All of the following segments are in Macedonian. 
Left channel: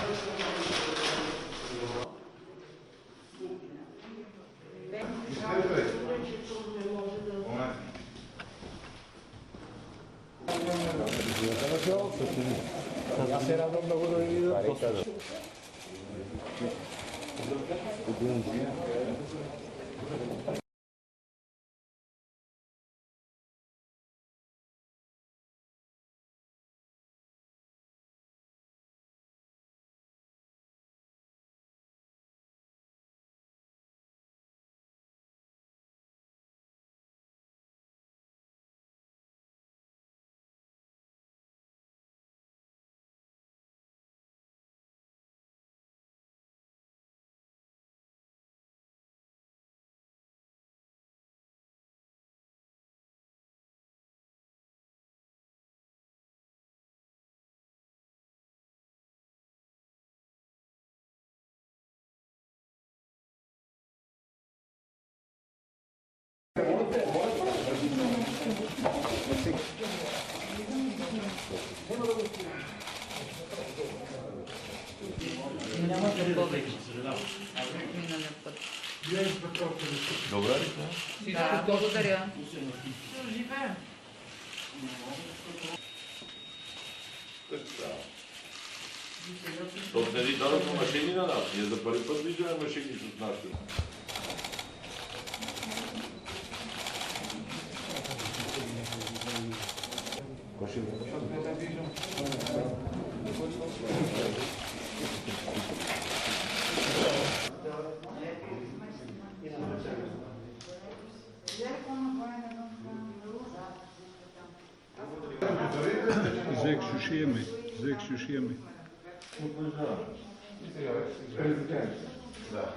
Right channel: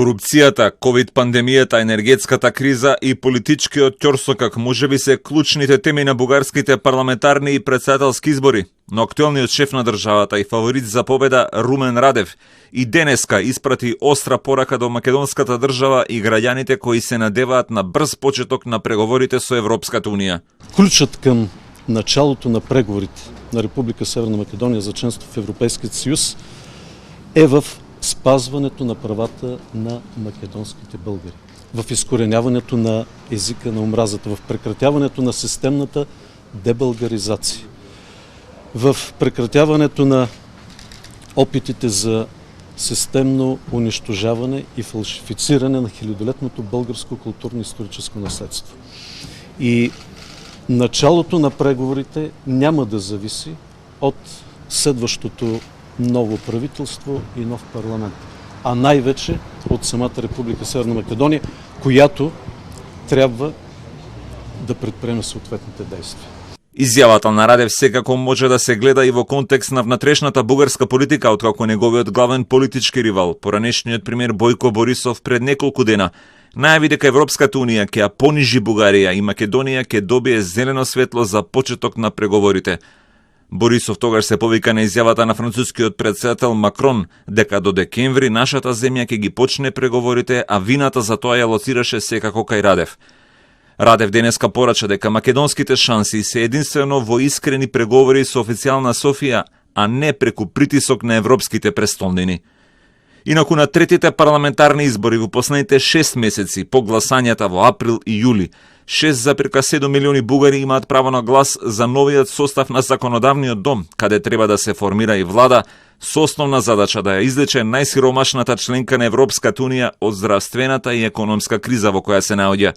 Корупцијата, ковид-пандемијата, енергетската криза и политичкиот ќорсокак можеби се клучните теми на бугарските парламентарни и председателски избори, но актуелниот шеф на државата и фаворит за победа Румен Радев и денеска испрати остра порака до македонската држава и граѓаните кои се надеваат на брз почеток на преговорите со Европската унија. Ключът към началото на преговорите на Република Северна Македонија за членство в Европейският съюз е в спазването на правата на македонските българи, в изкореняването на езика на омразата, в прекратяването на системната дебългаризация, в прекратяването на опитите за системно унищожаване и фалшифициране на хилядолетното българско културно-историческо наследство. И началото на преговорите няма да зависи от следващото ново правителство и нов парламент, а най-вече от самата Република Северна Македония, която трябва да предприеме съответните действия. Изјавата на Радев секако може да се гледа и во контекст на внатрешната бугарска политика, откако неговиот главен политички ривал, поранешниот премиер Бојко Борисов пред неколку дена најави дека Европската унија ќе ја понижи Бугарија и Македонија ќе добие зелено светло за почеток на преговорите. Борисов тогаш се повика на изјавата на францускиот председател Макрон дека до декември нашата земја ќе ги почне преговорите, а вината за тоа ја лоцираше секако кај Радев. Радев денеска порача дека македонските шанси се единствено во искрени преговори со официјална Софија, а не преку притисок на европските престолнини. Инаку на третите парламентарни избори во последните 6 месеци по гласањата во април и јули, 6,7 милиони бугари имаат право на глас за новиот состав на законодавниот дом, каде треба да се формира и влада со основна задача да ја излече најсиромашната членка на Европската унија од здравствената и економска криза во која се наоѓа.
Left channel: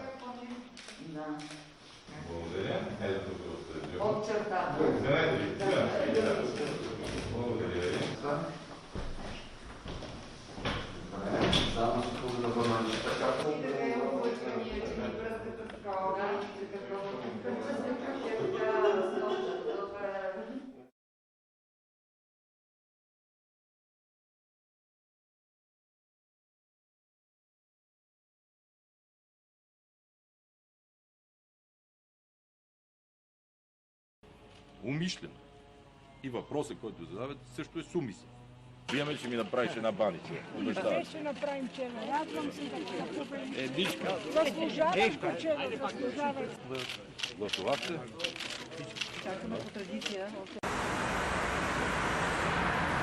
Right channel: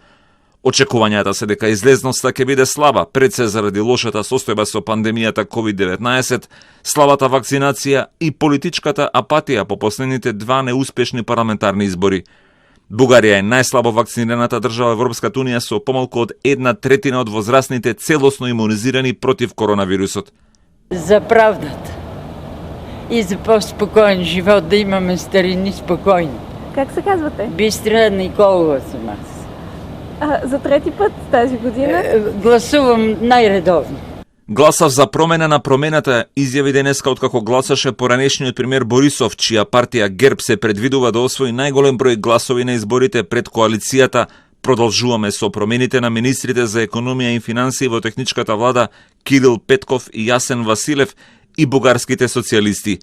Очекувањата се дека излезноста ќе биде слаба, пред се заради лошата состојба со пандемијата COVID-19, слабата вакцинација и политичката апатија по последните два неуспешни парламентарни избори. Бугарија е најслабо вакцинираната држава во Европската унија со помалку од 1/3 од возрастните целосно имунизирани против коронавирусот. За правдата и за по-спокоен живот, да имаме старини спокойни. Как се казвате? Бистра Николова съм аз. За трети път тази година? Гласувам најредовно. Гласав за промена на промената, изјави денеска откако гласаше поранешниот премиер Борисов, чија партија ГЕРБ се предвидува да освои најголем број гласови на изборите пред коалицијата. Продолжуваме со промените на министрите за економија и финансии во техничката влада Кирил Петков и Јасен Василев и бугарските социјалисти.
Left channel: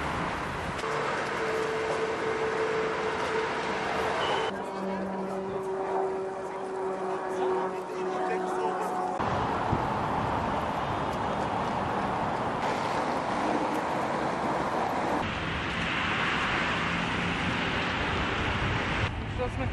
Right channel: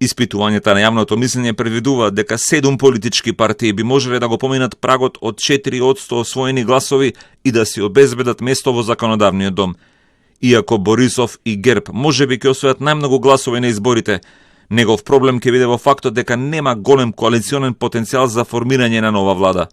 Испитувањата на јавното мислење предвидуваат дека 7 политички партии би можеле да го поминат прагот од 4% освоени гласови и да си обезбедат место во законодавниот дом. Иако Борисов и ГЕРБ можеби ќе освојат најмногу гласови на изборите, негов проблем ќе биде во фактот дека нема голем коалиционен потенцијал за формирање на нова влада.